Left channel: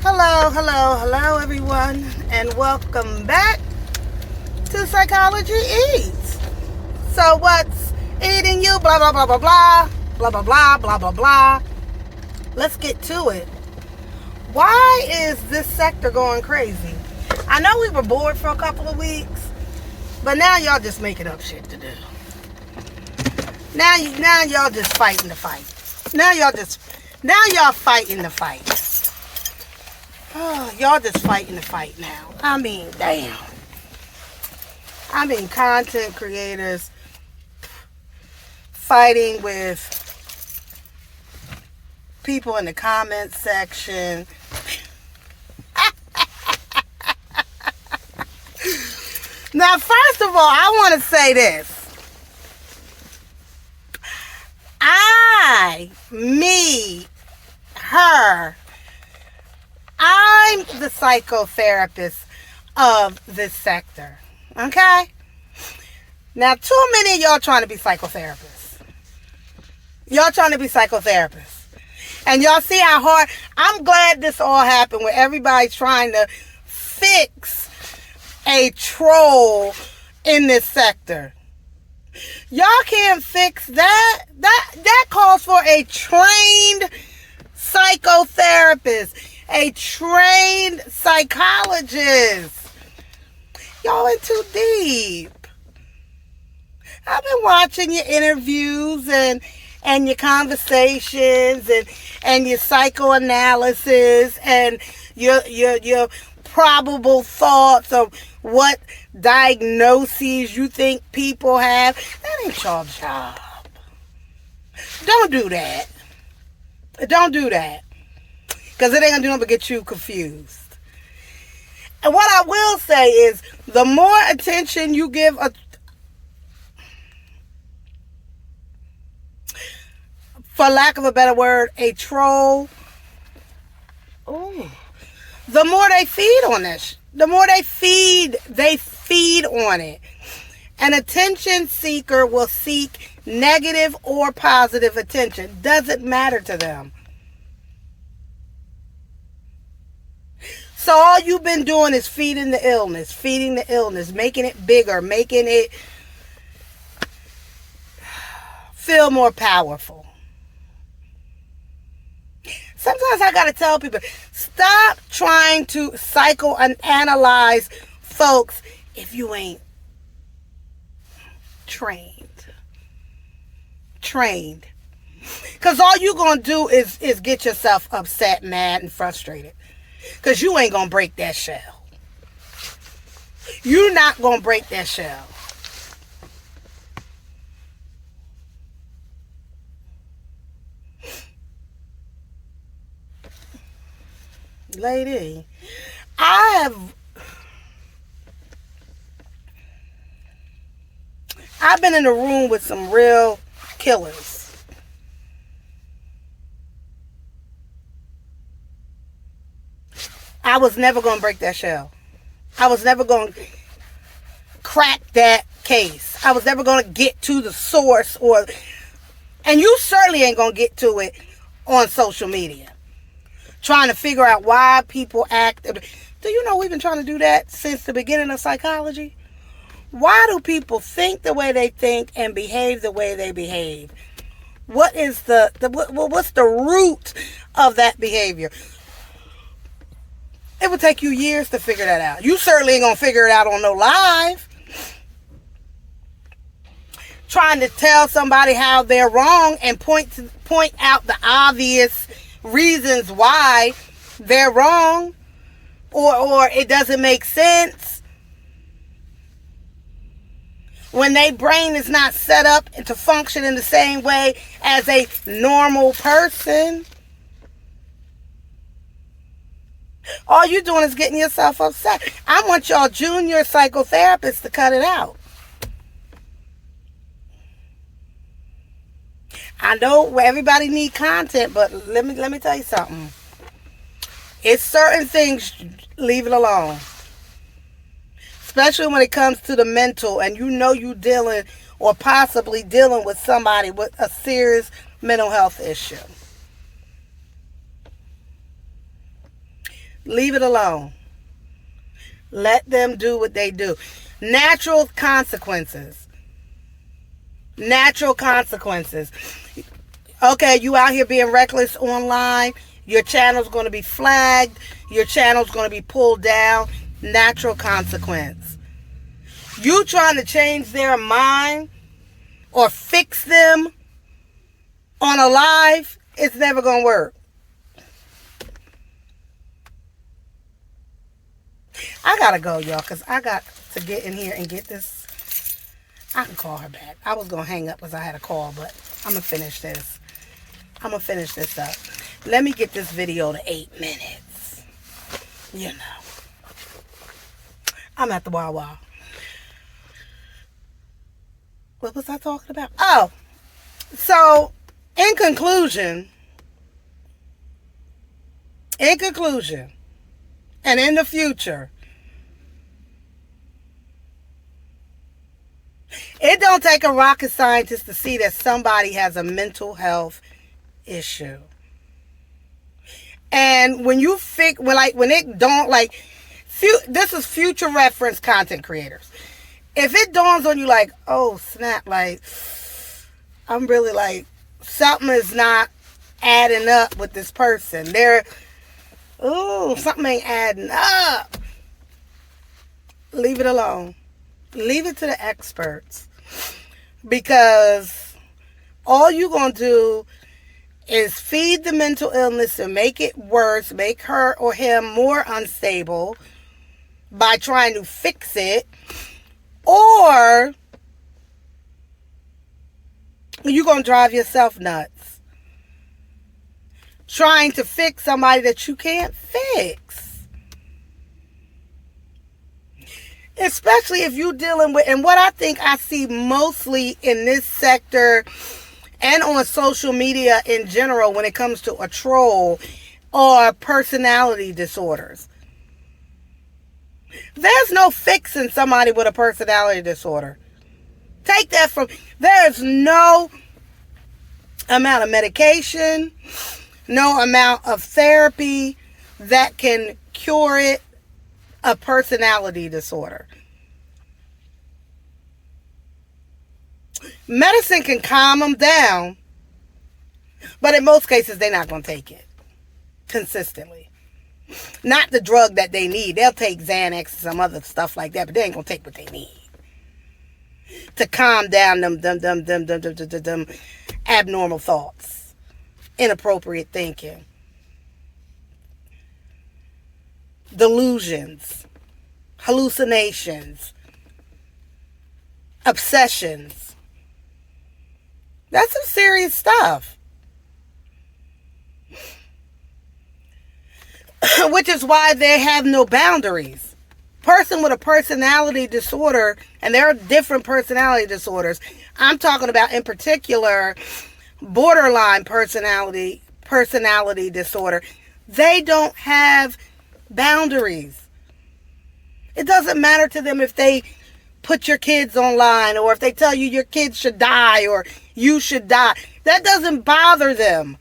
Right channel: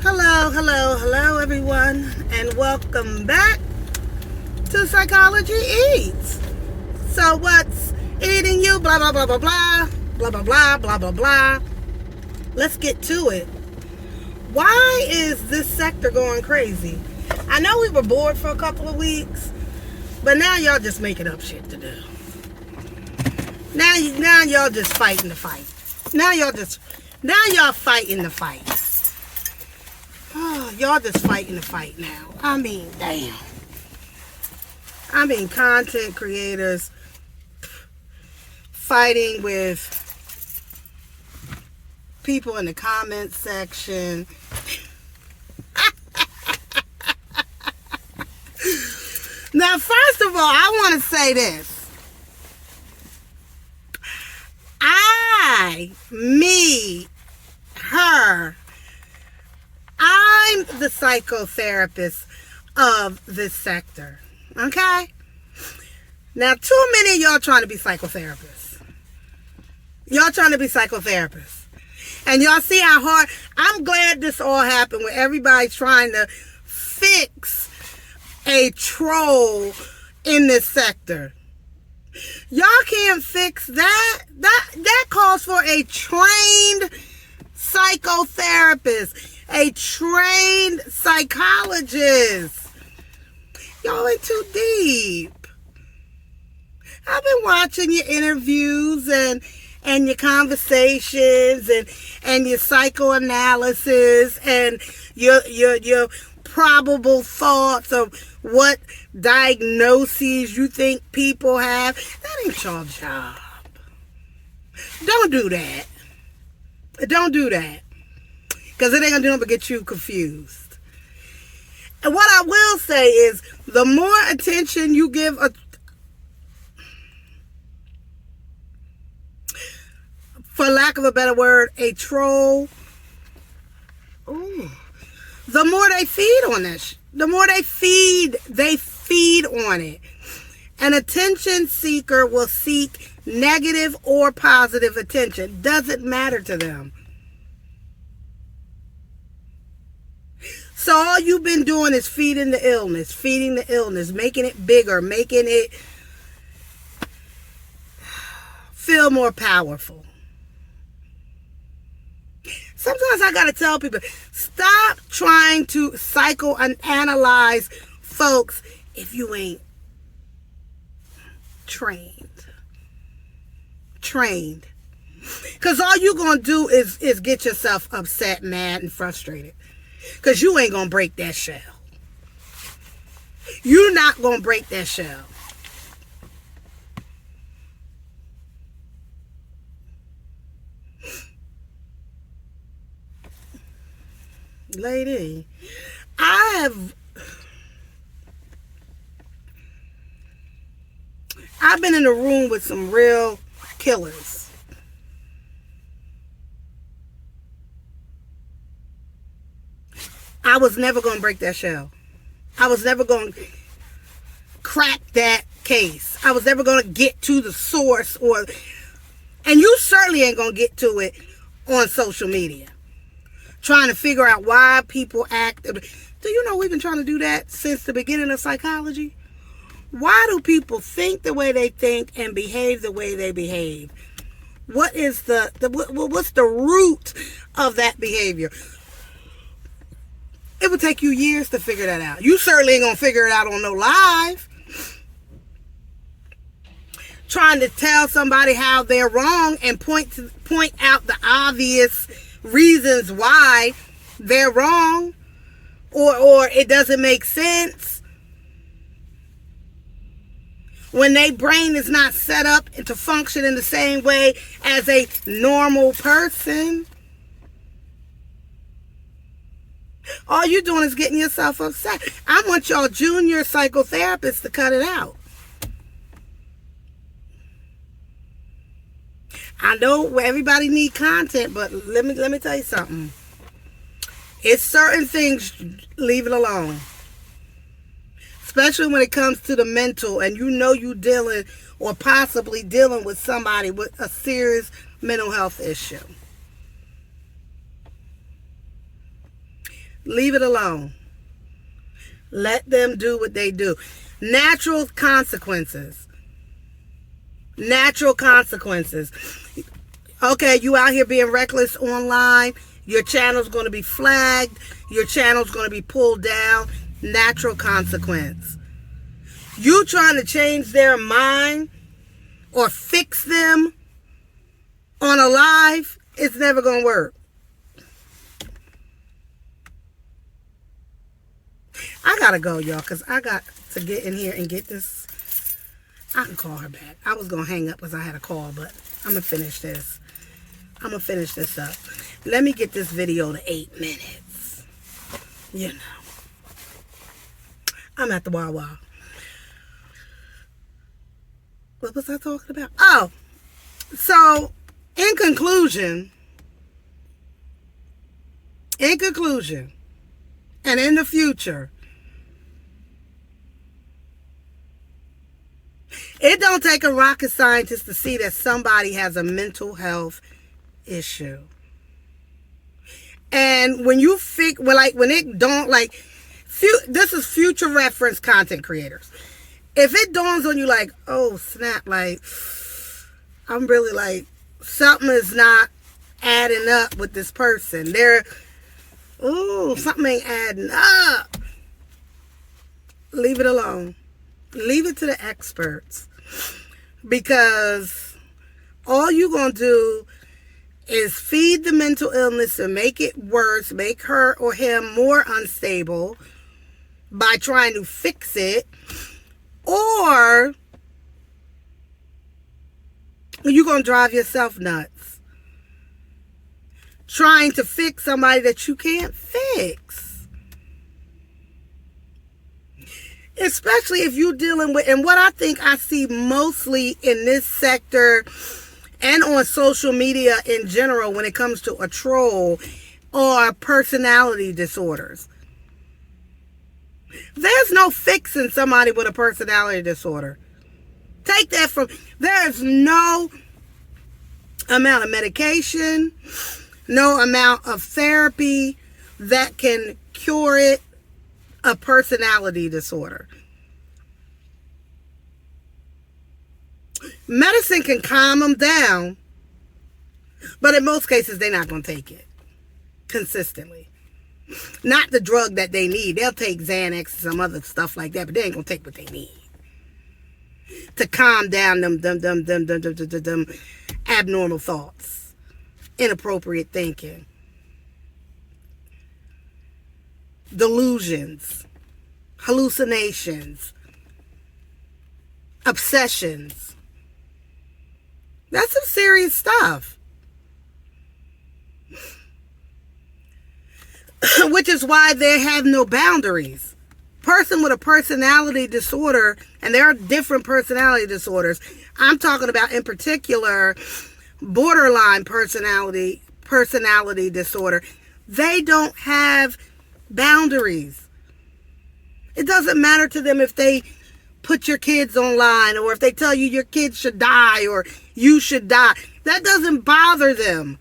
Hello, everyone, and welcome back to Psychology Eats. So, what's eating you? Blah, blah, blah, blah, blah, blah, blah, blah, blah, blah, blah. Let's get to it. Why is this sector going crazy? I know we were bored for a couple of weeks, but now y'all just making up shit to do. Now y'all just fighting the fight. Now y'all fighting the fight. Oh, y'all just fighting the fight now. I mean, damn. Content creators fighting with people in the comment section. Now, first of all, I want to say this. I'm the psychotherapist of this sector. Okay? Now, too many of y'all trying to be psychotherapists. And y'all see how hard. I'm glad this all happened where everybody's trying to fix a troll in this sector. Y'all can't fix that. That calls for a trained psychotherapist, a trained psychologist. Y'all in too deep. I've been watching your interviews and your conversations and your psychoanalysis and your probable thoughts of what diagnoses you think people have. That ain't your job. Don't do that. Because it ain't gonna do nothing but get you confused. And what I will say is, the more attention you give for lack of a better word, a troll, the more they feed on this. The more they feed on it. An attention seeker will seek negative or positive attention. Doesn't matter to them. So all you've been doing is feeding the illness, making it bigger, making it feel more powerful. Sometimes I gotta tell people, stop trying to psychoanalyze folks if you ain't trained. Because all you gonna do is get yourself upset, mad, and frustrated. Because you ain't gonna break that shell. You're not gonna break that shell. Lady, I've been in a room with some real killers. I was never going to break that shell. I was never going to crack that case. I was never going to get to the source, and you certainly ain't going to get to it on social media. Trying to figure out why people act. Do you know we've been trying to do that since the beginning of psychology? Why do people think the way they think and behave the way they behave? What is what's the root of that behavior? It would take you years to figure that out. You certainly ain't gonna figure it out on no live. Trying to tell somebody how they're wrong and point out the obvious reasons why they're wrong, or it doesn't make sense when their brain is not set up to function in the same way as a normal person. All you're doing is getting yourself upset. I want y'all junior psychotherapists to cut it out. I know everybody need content, but let me tell you something. It's certain things, leave it alone. Especially when it comes to the mental, and you know you dealing or possibly dealing with somebody with a serious mental health issue. Leave it alone. Let them do what they do. Natural consequences. Natural consequences. Okay, you out here being reckless online. Your channel's going to be flagged. Your channel's going to be pulled down. Natural consequence. You trying to change their mind or fix them on a live, it's never going to work. I got to go, y'all, because I got to get in here and get this. I can call her back. I was going to hang up because I had a call, but I'm going to finish this. I'm going to finish this up. Let me get this video to 8 minutes. You know. I'm at the Wawa. What was I talking about? Oh, so in conclusion, and in the future, it don't take a rocket scientist to see that somebody has a mental health issue. And when you when it don't, like, this is future reference content creators. If it dawns on you like, oh snap, like, I'm really like, something is not adding up with this person. Something ain't adding up. Leave it alone. Leave it to the experts. Because all you're going to do is feed the mental illness and make it worse, make her or him more unstable by trying to fix it. Or you're going to drive yourself nuts trying to fix somebody that you can't fix. Especially if you're dealing with, and what I think I see mostly in this sector and on social media in general when it comes to a troll, are personality disorders. There's no fixing somebody with a personality disorder. Take that from, there's no amount of medication, no amount of therapy that can cure it, a personality disorder. Medicine can calm them down, but in most cases, they're not going to take it consistently. Not the drug that they need. They'll take Xanax and some other stuff like that, but they ain't going to take what they need to calm down them abnormal thoughts, inappropriate thinking, delusions, hallucinations, obsessions. That's some serious stuff. Which is why they have no boundaries. Person with a personality disorder, and there are different personality disorders. I'm talking about, in particular, borderline personality disorder. They don't have boundaries. It doesn't matter to them if they put your kids online, or if they tell you your kids should die or you should die. That doesn't bother them.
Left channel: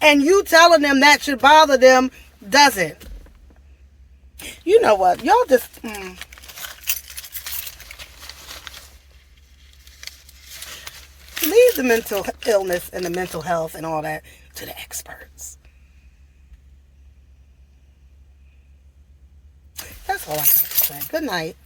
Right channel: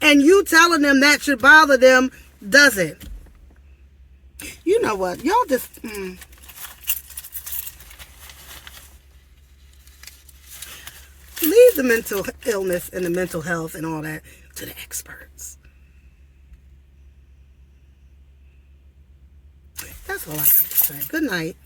And you telling them that should bother them doesn't. You know what? Y'all just... Leave the mental illness and the mental health and all that to the experts. That's all I got to say. Good night.